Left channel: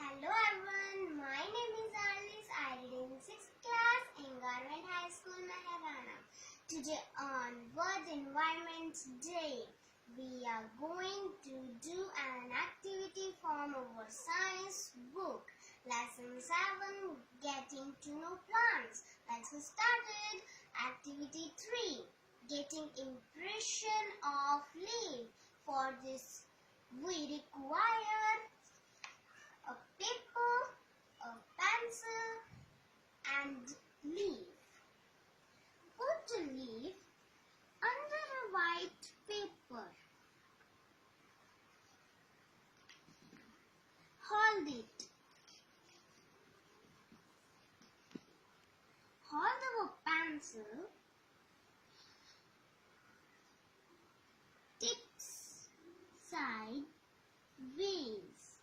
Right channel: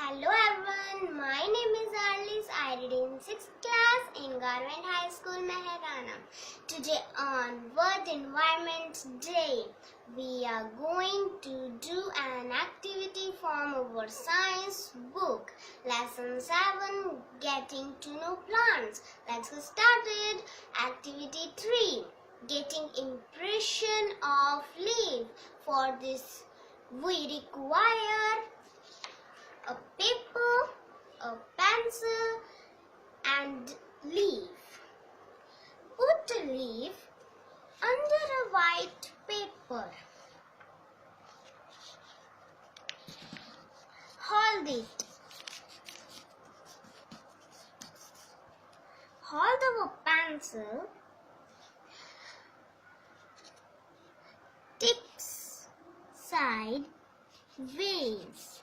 Hello everyone, my name is Arlis. I read in 6th class in Government High School, Mehrana. Today on World Environment Day, we are going to do an activity from our science book. Lesson 7, Getting to Know Plants. Let's get started. Activity 3, Getting Impression of Leaf. For this, we require a paper, a pencil and leaf. Put a leaf under a white paper. Hold it. Hold our pencil. Tips side ways.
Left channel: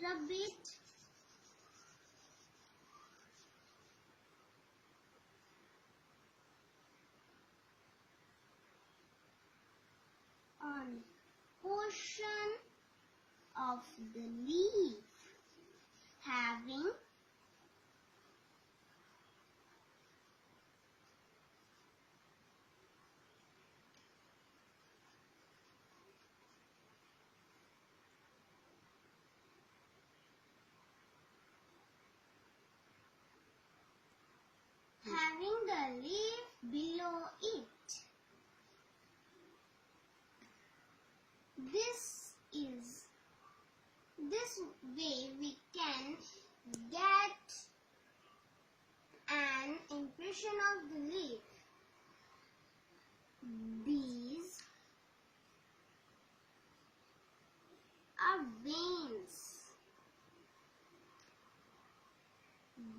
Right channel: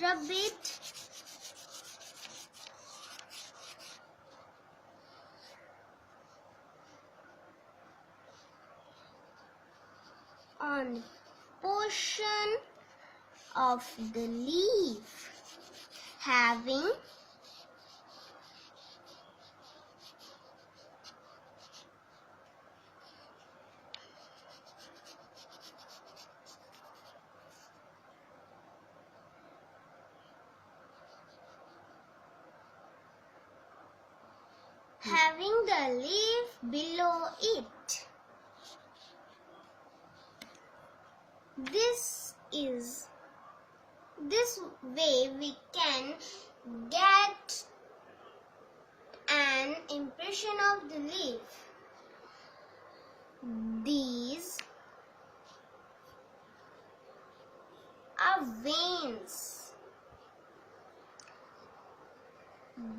Rub it on portion of the leaf having the leaf below it. This way we can get an impression of the leaf. These are veins.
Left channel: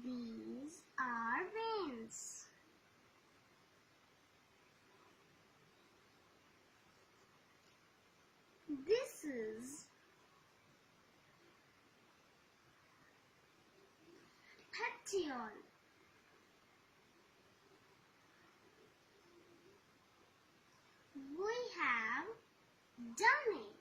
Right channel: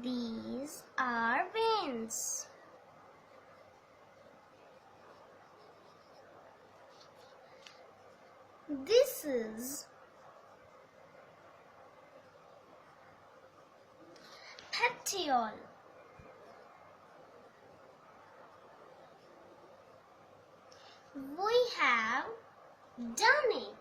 These are veins. This is petiole. We have done it.